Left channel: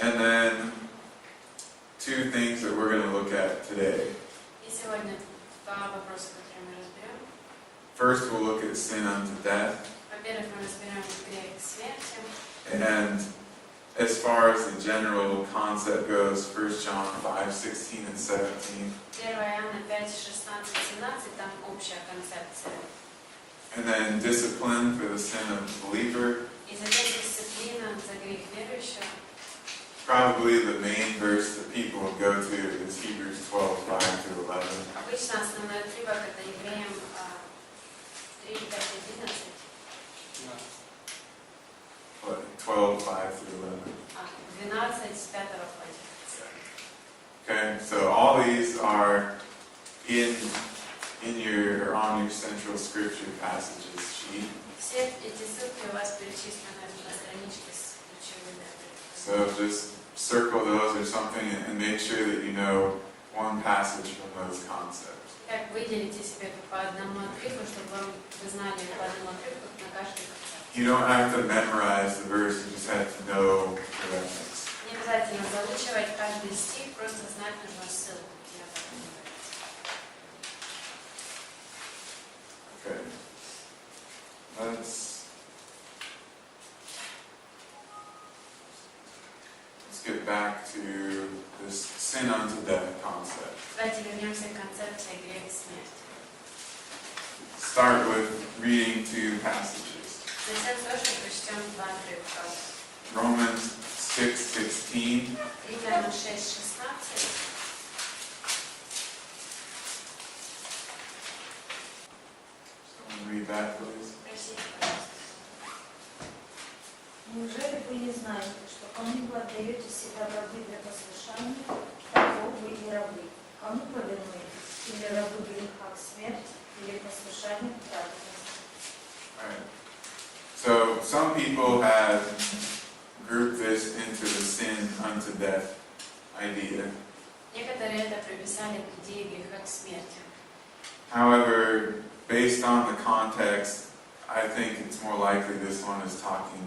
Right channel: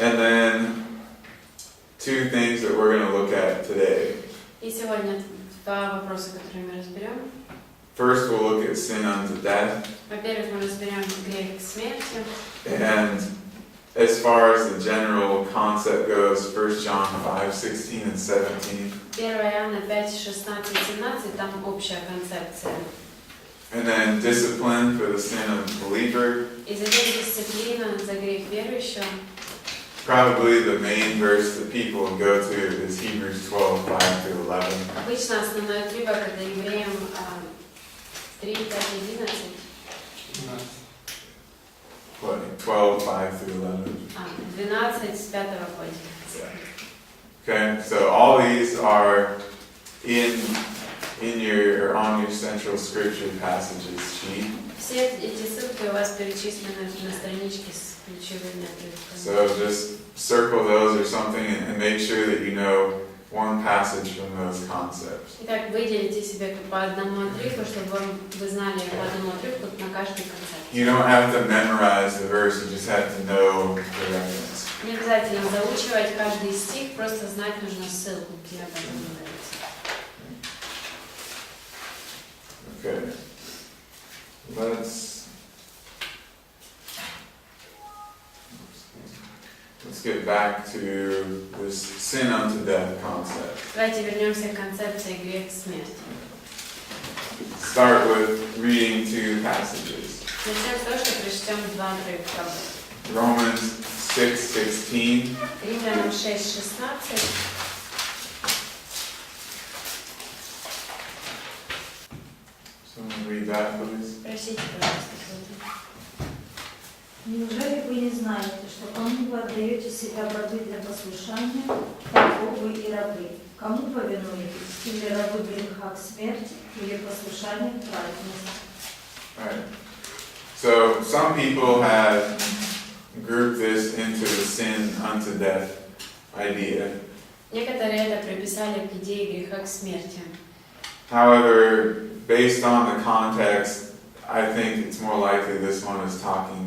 And then two things that we're going to look at today. И сегодня два вопроса, которые мы разберем. First, we'll look at sin unto death. Во-первых, мы разберем грех смерти. And as far as the general concept goes, 1 John 5:16 and 17. 1 Иоанна 5, 16, 17, там общая концепция. And then discipline for the sin of the believer. И затем дисциплина за грех верующего. Probably the main verse that people will go to is Hebrews 12:5-11. Обычно основной отрывок это Евреям 3, 5, 11. What? 12:5-11. 12 с 5 по 11. Okay, so all these are in your or on your central scripture passages sheet. Все эти ссылки у вас перечислены на страничке с ключевыми отрывками. So just circle those or something and make sure that you know one passage from those concepts. Итак, выделите себе по одному отрывку, чтобы вы знали по одному отрывку на каждый концепт. You don't have to memorize the verse, you just have to know the reference. Не обязательно заучивать каждый стих, просто знать нужно ссылку, где об этом говорится. Okay. Let's get back to this sin unto death concept. Давайте вернемся к концепции грех смерти. Start with reading two passages. Начнем с того, что прочтем два отрывка. Romans 6:16. Римлянам 6:16. Someone read that, please. Прочтите, пожалуйста. Неужели вы не знаете, что кому вы отдаете себя в рабы для послушания, того вы и рабы? Кому повинуетесь? Или рабы греха к смерти, или послушание к праведности? Right. So some people have grouped this into the sin unto death idea. Некоторые это приписали к идее греха к смерти. However, based on the context, I think it's more likely this one is talking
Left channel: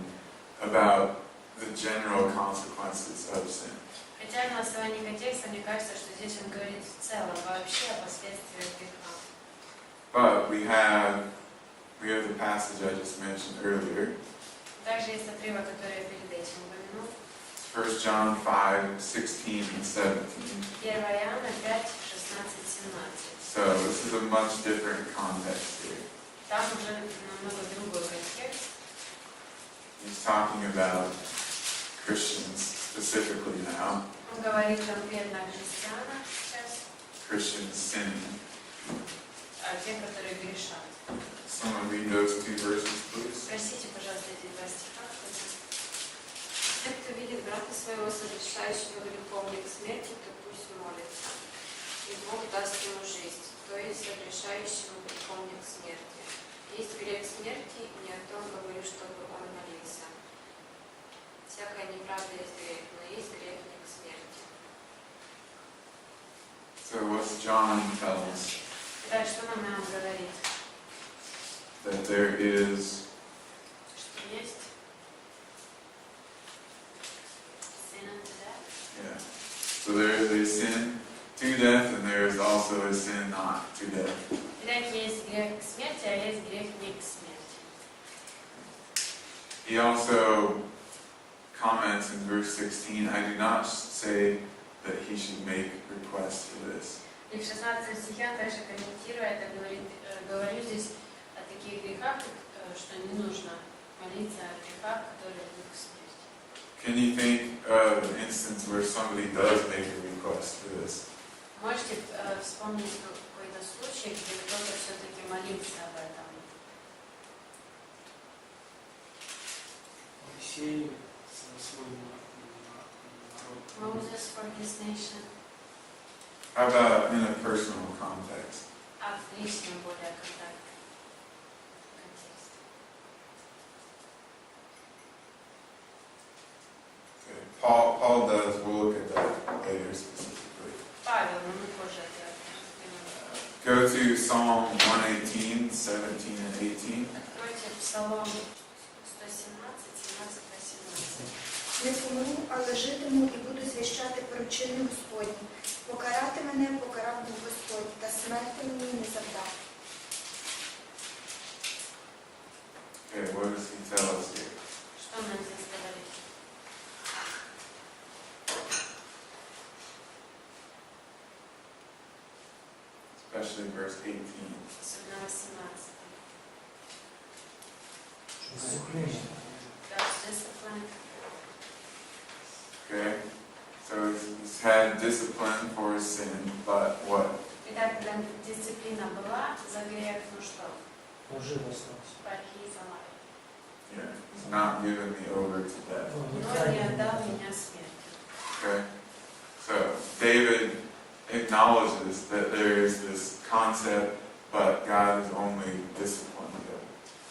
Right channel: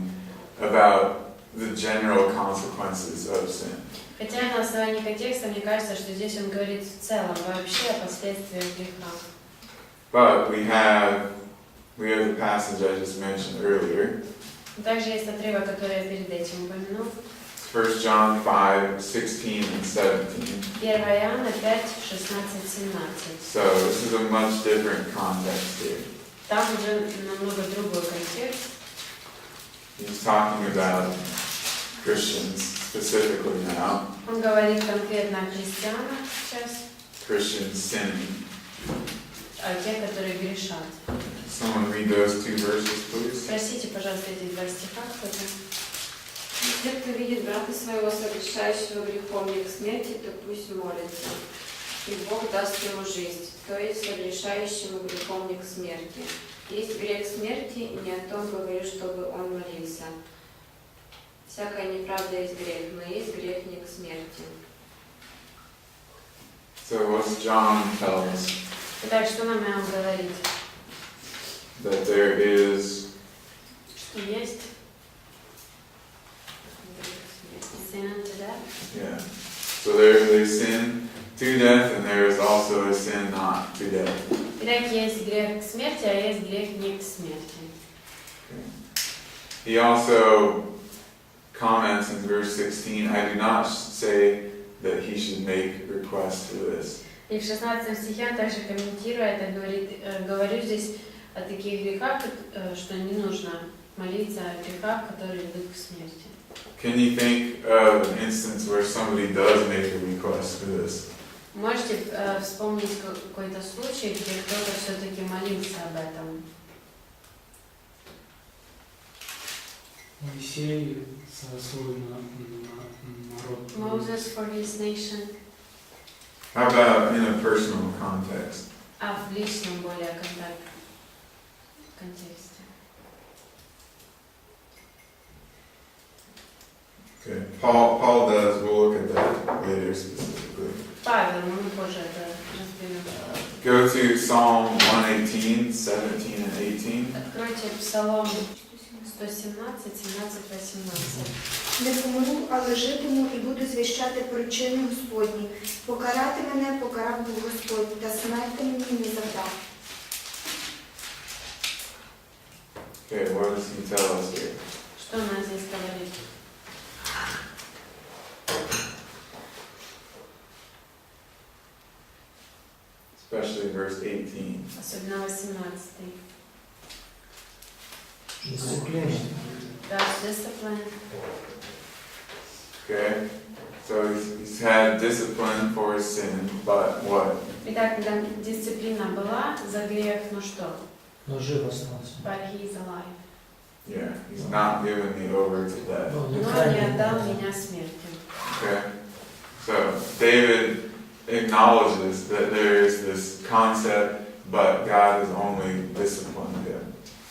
about the general consequences of sin. Хотя на основании контекста мне кажется, что здесь он говорит в целом вообще о последствиях греха. But we have the passage I just mentioned earlier. Также есть отрывок, который я перед этим упомянул. 1 John 5:16 and 17. 1 Иоанна 5, 16, 17. So this is a much different context here. Там уже намного другой контекст. He's talking about Christians specifically now. Он говорит конкретно о христианах сейчас, Christians sinning. о тех, которые грешат. Someone read those two verses, please. Спросите, пожалуйста, эти два стиха, кто-то. Если кто видит брата своего, согрешающего грехом не к смерти, то пусть молится, и Бог даст ему жизнь, то есть согрешающему грехом не к смерти. Есть грех смерти, не о том говорю, чтобы он молился. Всякая неправда есть грех, но есть грех не к смерти. So what's John tell us? Итак, что нам Иоанн говорит? That there is Что есть? Sin unto death. Yeah. So there is a sin to death, and there is also a sin not to death. Итак, есть грех к смерти, а есть грех не к смерти. He also comments in verse 16, I do not say that he should make requests for this. И в 16 стихе он также комментируя это, говорю здесь о таких грехах, что не нужно молиться о грехах, которые ведут к смерти. Can you think of an instance where somebody does make a request for this? Можете вспомнить какой-то случай, где кто-то все-таки молился об этом? Моисей за свой народ. Moses for his nation. How about in a personal context? А в личном более контексте. Okay. Paul does. We'll look at that later specifically. Павел, мы позже это разберем. Go to Psalm 118, 17 and 18. Откройте Псалом 117, 17, 18. Не помру, але житиму і буду звіщати про чини Господні. Покарати мене покарав був Господь, та смерти мені не завдав. Okay, what does he tell us here? Что она здесь говорит? Especially verse 18. Особенно 18. Дисциплина. God's discipline. Okay? So he's had discipline for his sin, but what? Итак, когда дисциплина была за грех, ну что? Но жив остался. But he is alive. Yeah, he's not given me over to death. Ну, не Но не крайне. отдал меня смерти. Okay? So David acknowledges that there is this concept, but God has only disciplined him.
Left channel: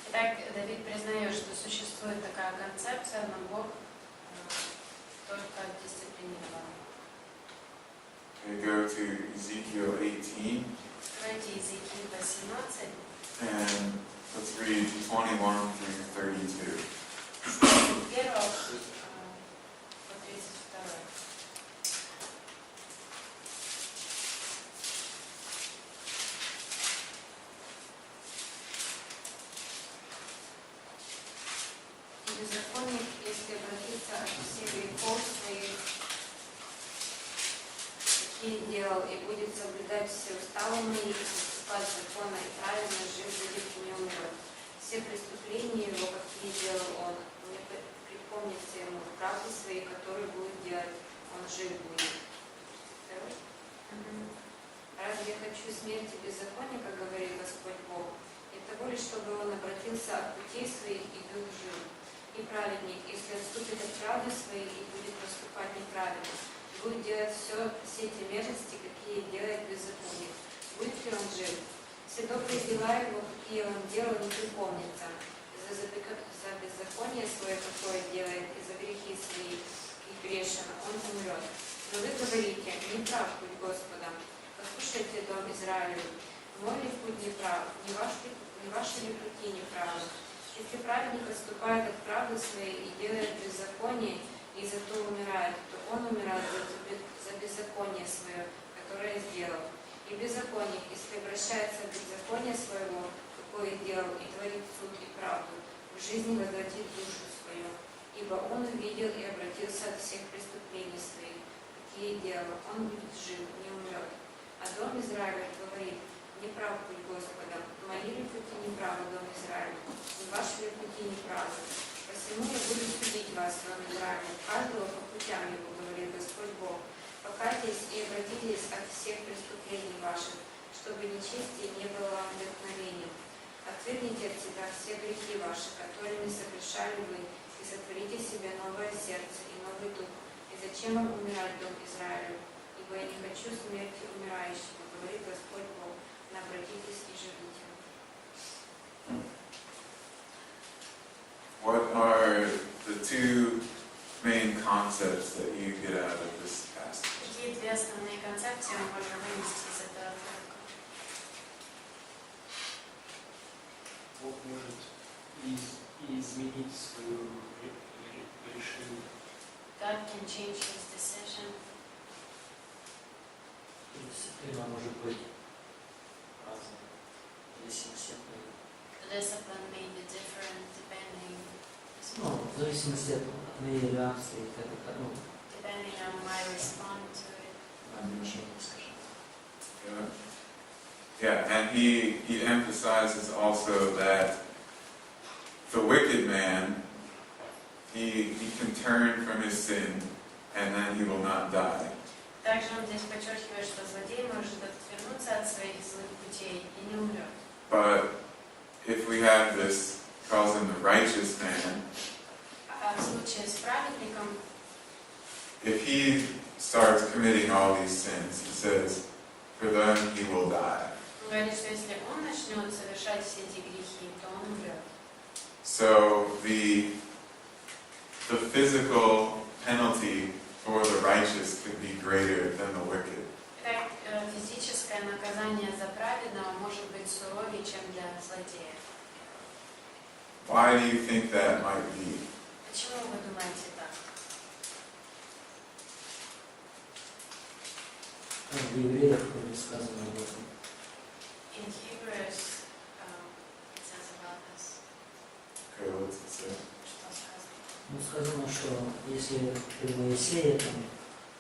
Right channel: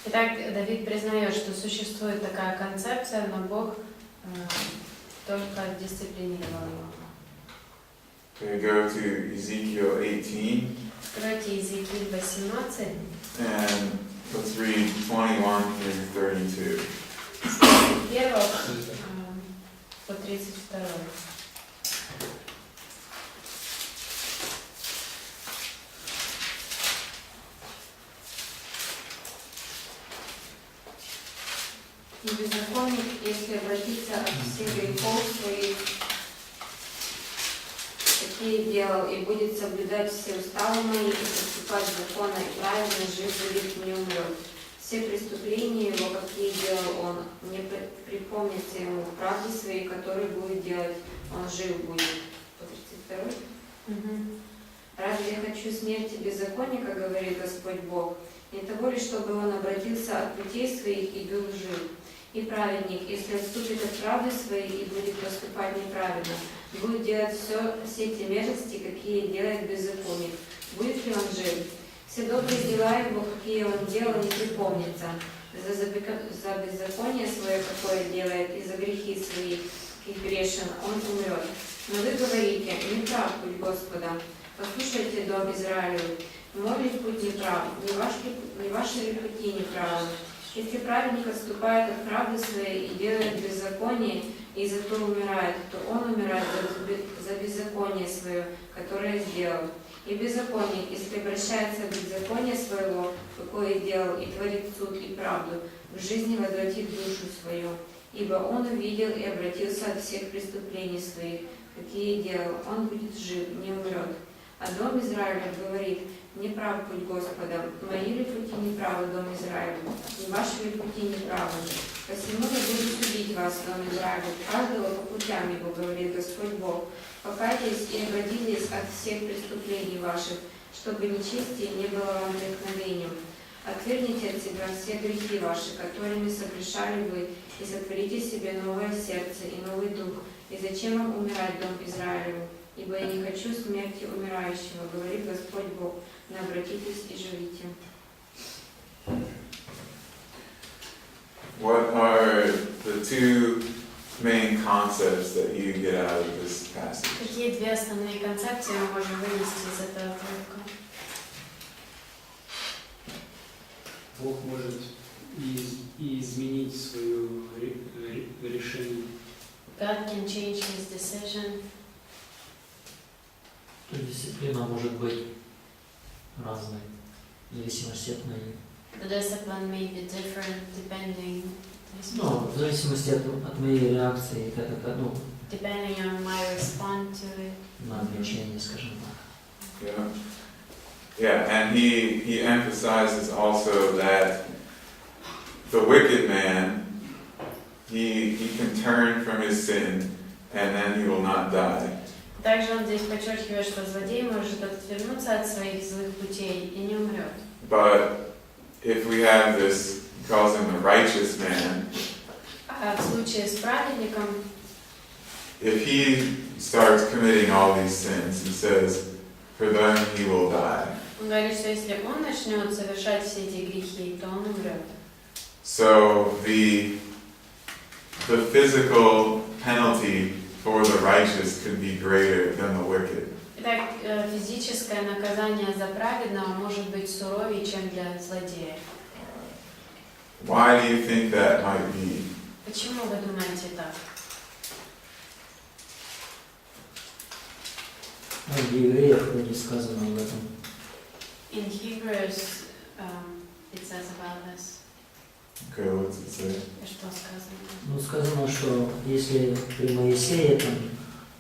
Итак, Давид признает, что существует такая концепция, но Бог только дисциплинировал его. Okay, go to Ezekiel 18, Откройте Иезекииль 18, and let's read 21 through 32. с 1 по 32. И беззаконник, если обратиться от всех грехов своих, какие делал, и будет соблюдать все уставы мои, и поступать законно и правильно, жив будет, не умрет. Все преступления его, какие делал он, не припомнится ему в правде своей, которую будет делать, он жив будет. 32. Разве я хочу смерти беззаконника, говорит Господь Бог, не того ли, чтобы он обратился от путей своих и был жив? И праведник, если отступит от правды своей и будет поступать неправильно, будет делать все те мерзости, какие делает беззаконник, будет ли он жив? Все добрые дела его, какие он делал, не припомнится. За беззаконие свое, какое делает, и за грехи свои, и грешен, он умрет. Но вы говорите, не прав путь Господа. Послушайте, дом Израилю, мой ли путь не прав, не ваши ли пути не правы? Если праведник отступает от правды своей и делает беззаконие, и за то умирает, то он умирает за беззаконие свое, которое сделал. И беззаконник, если обращается от беззакония своего, какое делал, и творит суд и правду, в жизни возвратит душу свою. Ибо он увидел и обратился от всех преступлений своих, какие делал, он будет жив, не умрет. А дом Израиля говорит, не прав путь Господа, мои ли пути неправы, дом Израиля, и ваши ли пути неправы? Посему я буду судить вас, дом Израиля, каждого по путям его, говорит Господь Бог. Покайтесь и обратитесь от всех преступлений ваших, чтобы нечестие не было вам вдохновением. Отвергните от себя все грехи ваши, которыми согрешали вы, и сотворите себе новое сердце и новый дух. И зачем вам умирать, дом Израилеву? Ибо я не хочу смерти умирающего, говорит Господь Бог. Обратитесь и живите. What are the two main concepts that you get out of this passage? Какие две основные концепции мы можем вынести из этого отрывка? Бог может и изменить свое решение. God can change his decision. Дисциплина может быть разная, в зависимости от моей. The discipline may be different depending. Ну, в зависимости от моей реакции, как это, ну, Depending on my response to it. на обречение, скажем так. Yeah, and he emphasizes also that the wicked man, he can turn from his sin and then he will not die. Также он здесь подчеркивает, что злодей может отвернуться от своих злых путей и не умрет. But if we have this, he calls him the righteous man, А в случае с праведником, if he starts committing all these sins, he says, for them he will die. он говорит, что если он начнет совершать все эти грехи, то он умрет. So the physical penalty for the righteous could be greater than the wicked. Итак, физическое наказание за праведного может быть суровее, чем для злодея. Why do you think that might be? Почему вы думаете так? В Евреях вроде сказано об этом. In Hebrews, it says about this. Okay, what's it say? Что сказано? Ну, сказано, что если при Моисее там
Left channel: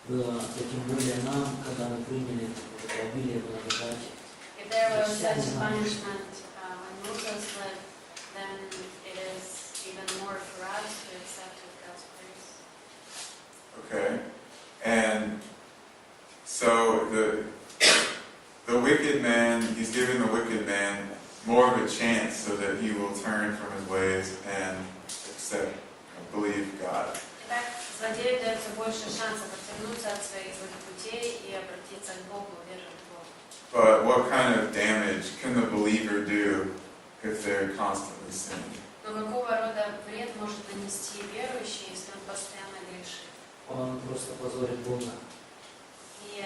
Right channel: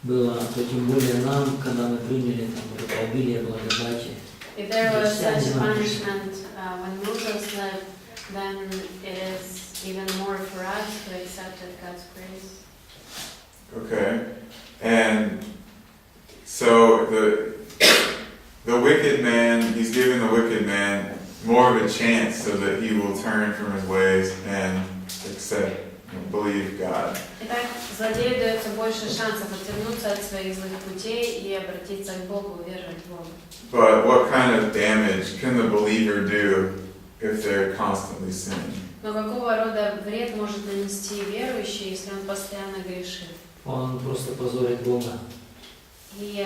было, то тем более нам, когда мы приняли там, вот это обилие благодати. If there was such a punishment when Moses led, then it is even more for us who accepted God's grace. Okay, and so the wicked man, he's giving the wicked man more of a chance so that he will turn from his ways and accept and believe God. Итак, злодею дается больше шансов отвернуться от своих злых путей и обратиться к Богу, уверовать в Бога. But what kind of damage can the believer do if they're constantly sinning? Но какого рода вред может нанести верующий, если он постоянно грешит? Он просто позорит Бога. He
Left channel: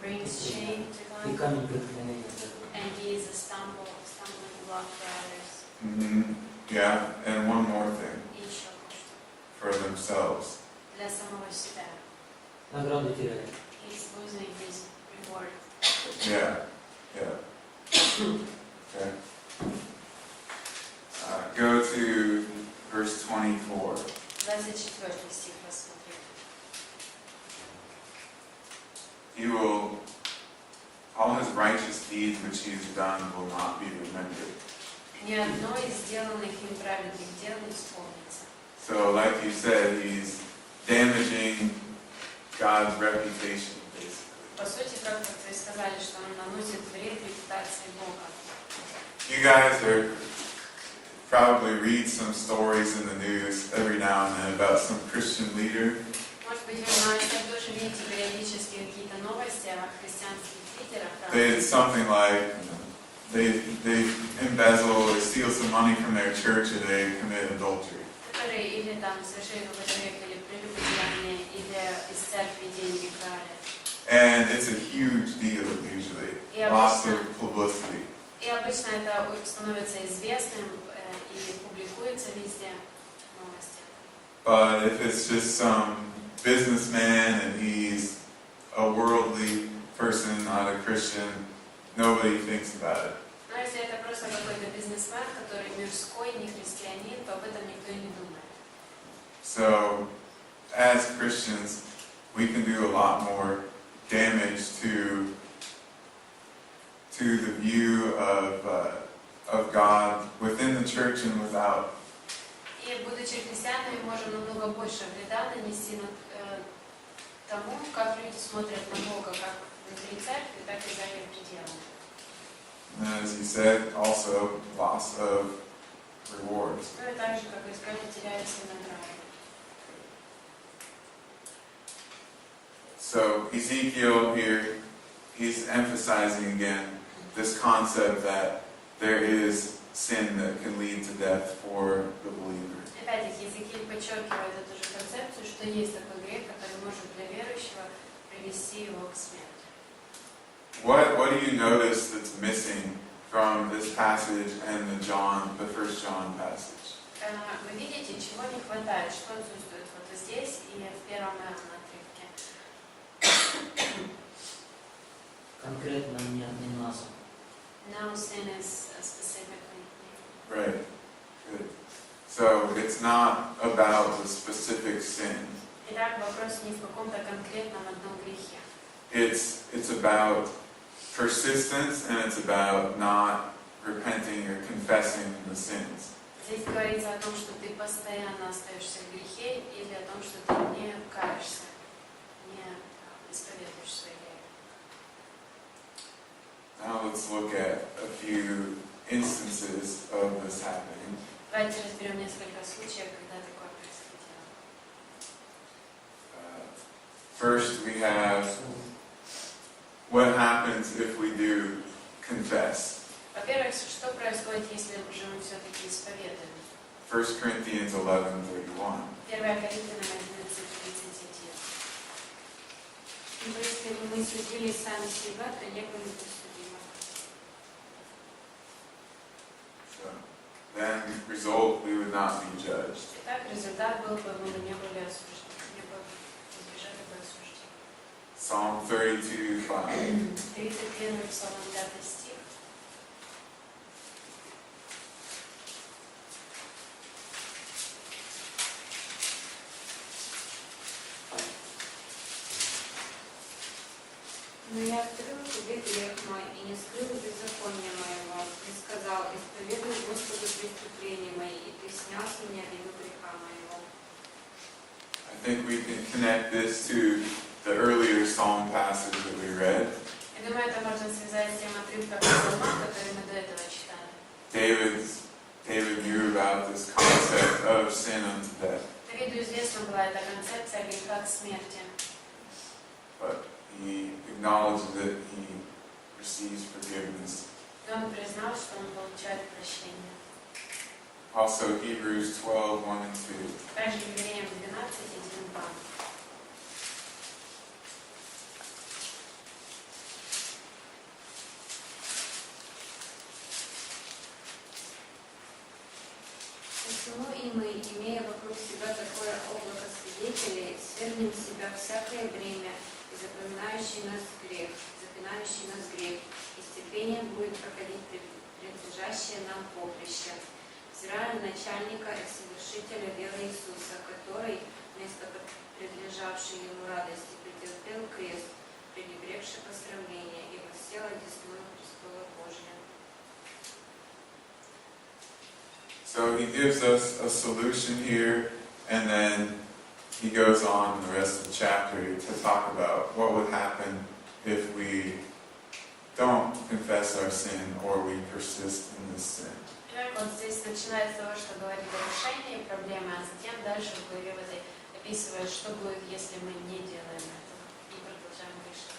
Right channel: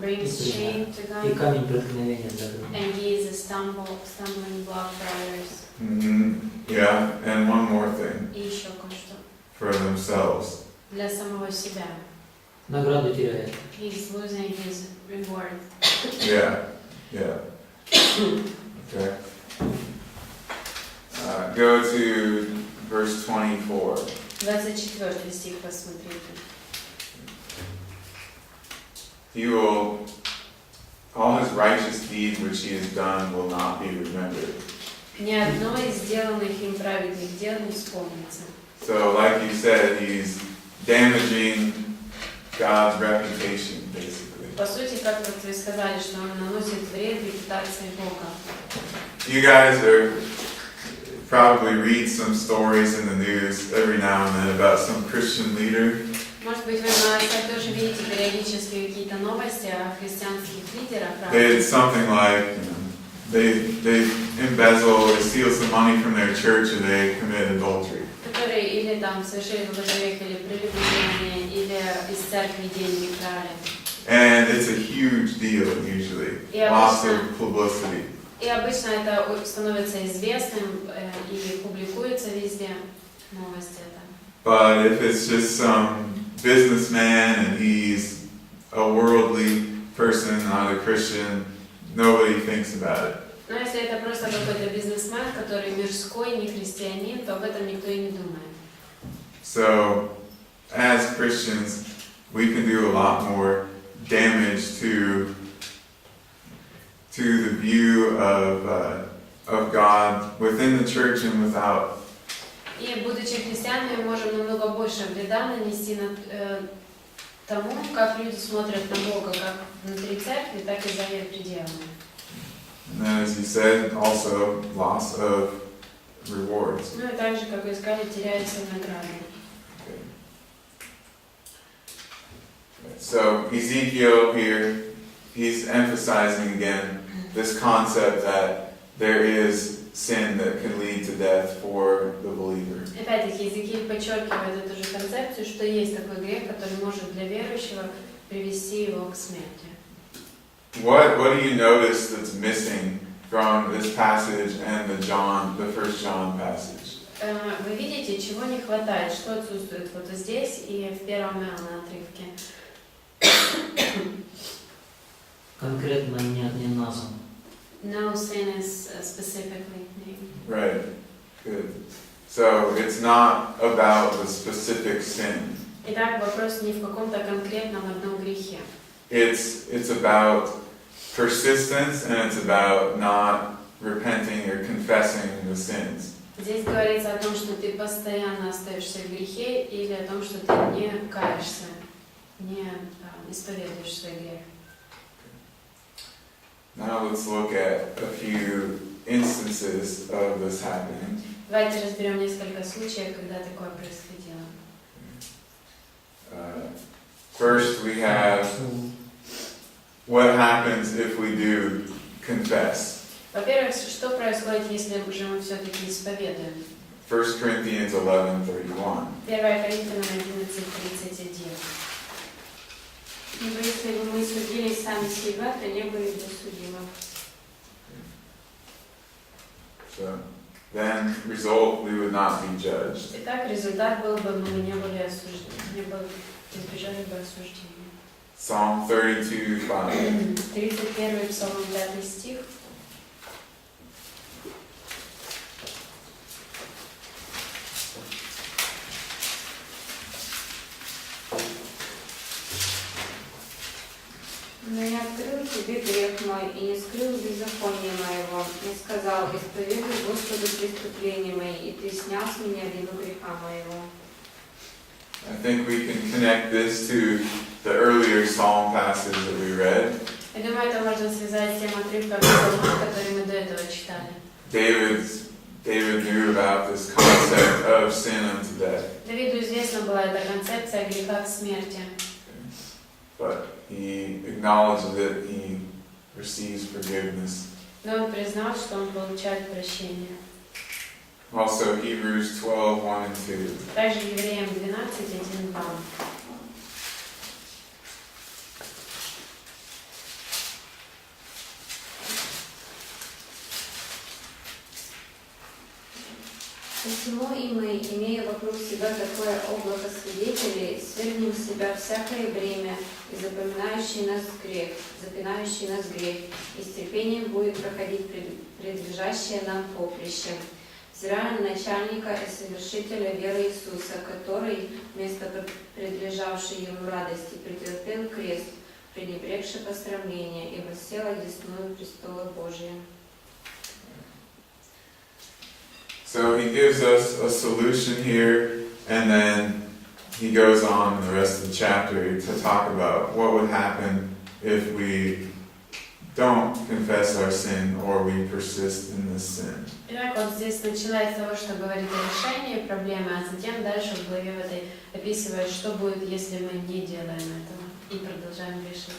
brings shame to И God, камень преткновения для Бога. and he is a stumbling block for others. Yeah, and one more thing, И еще кое-что. for themselves. Для самого себя. Награду теряет. He's losing his reward. Yeah, yeah. Okay. Go to verse 24. 24 стих посмотрите. He will, all his righteous deeds which he has done will not be remembered. Ни одно из сделанных им праведных дел не вспомнится. So, like you said, he's damaging God's reputation, basically. По сути, как вот вы сказали, что он наносит вред репутации Бога. You guys are probably read some stories in the news every now and then about some Christian leader. Может быть, вы в новостях тоже видите периодически какие-то новости о христианских лидерах, They did something like, they embezzle, they steal some money from their church, or they commit adultery. которые или там совершили какой-то грех, или прелюбодеяние, или из церкви деньги крали. And it's a huge deal usually. Yeah, Lots обычно- of publicity. И обычно это становится известным и публикуется везде новости. But if it's just some businessman and he's a worldly person, not a Christian, nobody thinks about it. Но если это просто какой-то бизнесмен, который мирской, не христианин, то об этом никто и не думает. So, as Christians, we can do a lot more damage to the view of God within the church and without. И будучи христианами, можем намного больше вреда нанести тому, как люди смотрят на Бога, как внутри церкви, так и за ее пределами. And as you said, also loss of rewards. Ну и также, как вы сказали, теряются награды. So Ezekiel here, he's emphasizing again this concept that there is sin that can lead to death for the believer. Опять-таки, Иезекииль подчеркивает эту же концепцию, что есть такой грех, который может для верующего привести его к смерти. What do you notice that's missing from this passage and the First John passage? Вы видите, чего не хватает, что отсутствует вот здесь и в первом Иоанна отрывке. Конкретно не назван. No sin is specifically named. Right. Good. So it's not about the specific sin. Итак, вопрос не в каком-то конкретном одном грехе. It's about persistence and it's about not repenting or confessing the sins. Здесь говорится о том, что ты постоянно остаешься в грехе, или о том, что ты не каешься, не исповедуешь свой грех. Now let's look at a few instances of this happening. Давайте разберем несколько случаев, когда такое происходило. First, we have what happens if we do confess. Во-первых, что происходит, если уже мы все-таки исповедуем? 1 Corinthians 11:31. 1 Коринфянам 11:31. Ибо если бы мы судили сами себя, то не были бы судимы. So, then, result, we would not be judged. Итак, результат был бы, мы не были осуждены, не были избежали бы осуждения. Psalm 32:5. 31 Псалом, 5 стих. Но я открыл тебе грех мой и не скрыл беззакония моего, и сказал, исповедуй Господу преступления мои, и ты снял с меня вину греха моего. I think we can connect this to the earlier psalm passage that we read. Я думаю, это можно связать с тем отрывком Псалма, который мы до этого читали. David knew about this concept of sin unto death. Давиду известна была эта концепция греха к смерти. But he acknowledges it, he receives forgiveness. Но он признал, что он получает прощение. Also, Hebrews 12:1 and 2. Также Евреям 12:1-2. Посему и мы, имея вокруг себя такое облако свидетелей, свергнем с себя всякое бремя и запинающий нас грех, и с терпением будет проходить предлежащее нам поприще, взирая на начальника и совершителя веры Иисуса, который, вместо предлежавшей ему радости, претерпел крест, пренебрегший посрамление, и воссел одесную престола Божия. So he gives us a solution here, and then he goes on in the rest of the chapter to talk about what would happen if we don't confess our sin or we persist in this sin. Итак, вот здесь начинает с того, что говорит о решении проблемы, а затем дальше в главе в этой описывает, что будет, если мы не делаем этого и продолжаем грешить.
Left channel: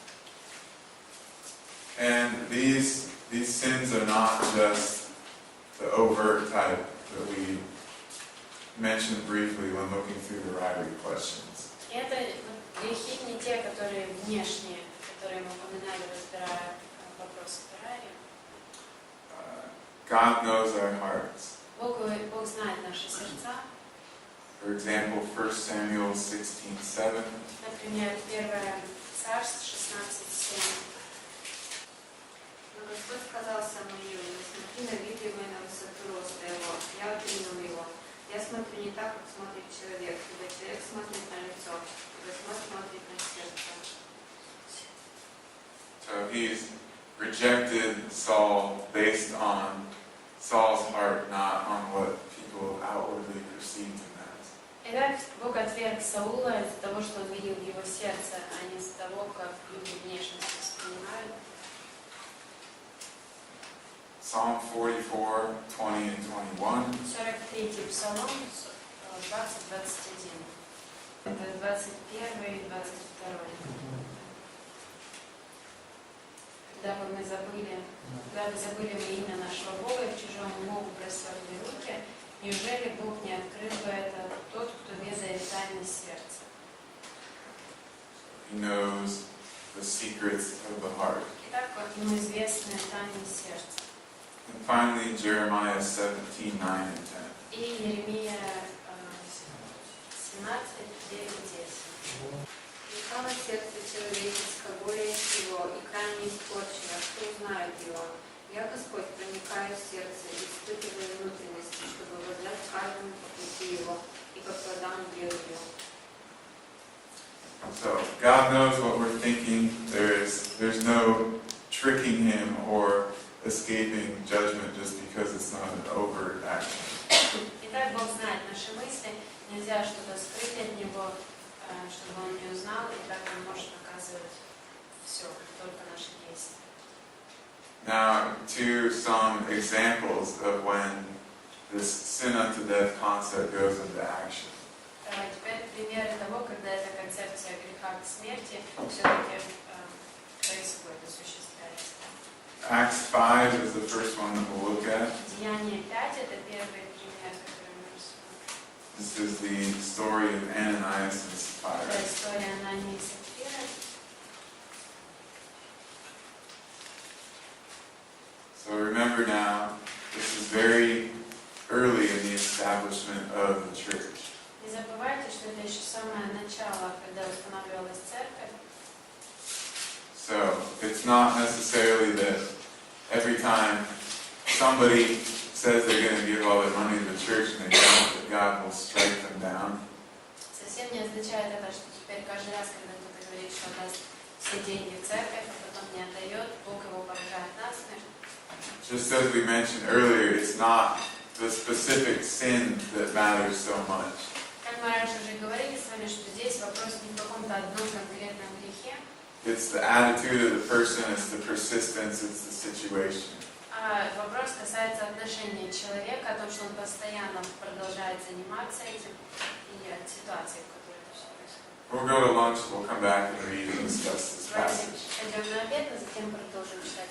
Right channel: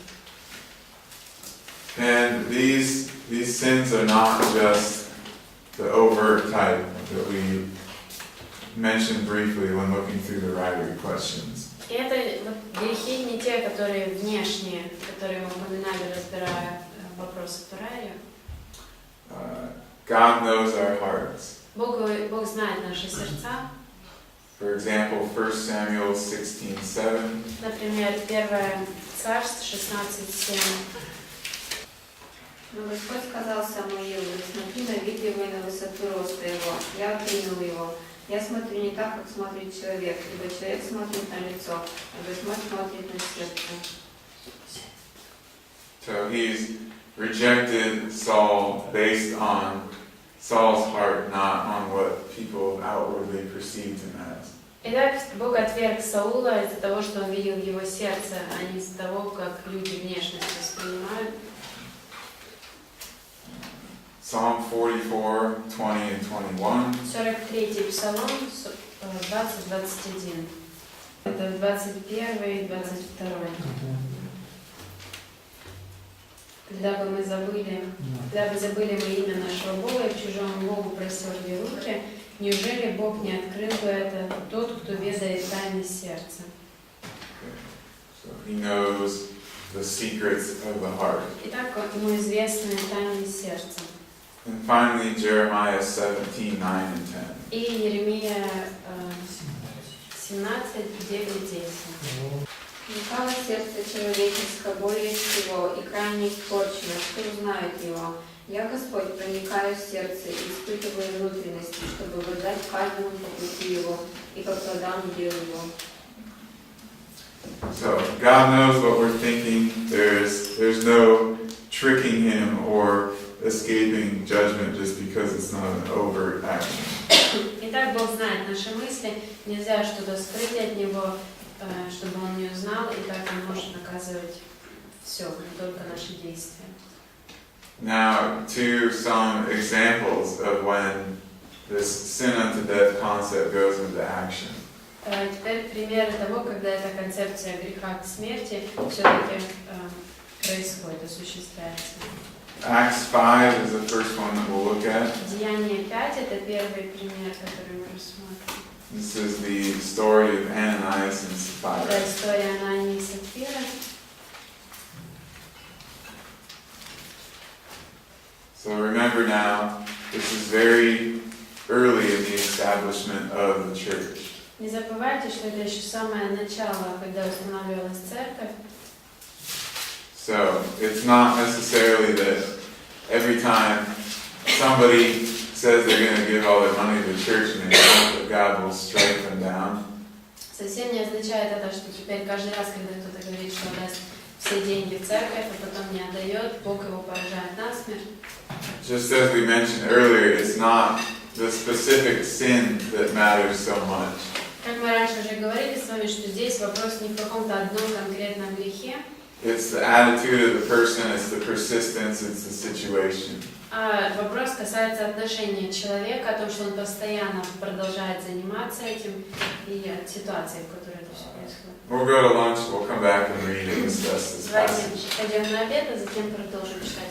And these sins are not just the overt type that we mentioned briefly when looking through the writer questions. И это вот грехи не те, которые внешние, которые мы упоминали, разбирая вопросы Турария. God knows our hearts. Бог знает наши сердца. For example, 1 Samuel 16:7. Например, 1 Царств 16:7. Но Господь сказал Самуилу: смотри на вид его и на высоту роста его. Я принял его. Я смотрю не так, как смотрит человек, ибо человек смотрит на лицо, а Господь смотрит на сердце. So he's rejected Saul based on Saul's heart, not on what people outwardly perceived him as. Итак, Бог отверг Саула из-за того, что он видел его сердце, а не из-за того, как люди внешность воспринимают. Psalm 44, 20 and 21. 43-й Псалом, 20-21. Это 21 и 22. Когда бы забыли мы имя нашего Бога и к чужому Богу простерли руки, неужели Бог не открыл бы это тот, кто ведает тайны сердца? So he knows the secrets of the heart. Итак, ему известны тайны сердца. And finally, Jeremiah 17, 9 and 10. И Еремия 17, 9, 10. Лукаво сердце человеческое более всего, и крайне испорчено, что узнают его. Я, Господь, проникаю в сердце и испытываю внутренности, чтобы воздать каждому по пути его и по плодам дел его. So God knows what we're thinking. There's no tricking him or escaping judgment just because it's not an overt action. Итак, Бог знает наши мысли, нельзя что-то скрыть от Него, чтобы Он не узнал, и так Он может наказывать все, не только наши действия. Now, to some examples of when this sin unto death concept goes into action. Теперь примеры того, когда эта концепция греха к смерти все-таки происходит, осуществляется. Acts 5 is the first one that we'll look at. Деяние 5 – это первый пример, который мы рассмотрим. This is the story of Ananias and Sapphira. Это история Анании и Сапфиры. So remember now, this is very early in the establishment of the church. Не забывайте, что это еще самое начало, когда устанавливалась церковь. So it's not necessarily that every time somebody says they're going to give all their money to the church and they don't, that God will strike them down. Совсем не означает это, что теперь каждый раз, когда кто-то говорит, что даст все деньги в церковь, а потом не отдает, Бог его поражает насмерть. Just as we mentioned earlier, it's not the specific sin that matters so much. Как мы раньше уже говорили с вами, что здесь вопрос не в каком-то одном конкретном грехе, It's the attitude of the person, it's the persistence, it's the situation. а вопрос касается отношения человека, о том, что он постоянно продолжает заниматься этим, и от ситуации, в которой это все происходит. We'll go to lunch, we'll come back and read and discuss this Давайте passage. пойдем на обед, а затем продолжим читать.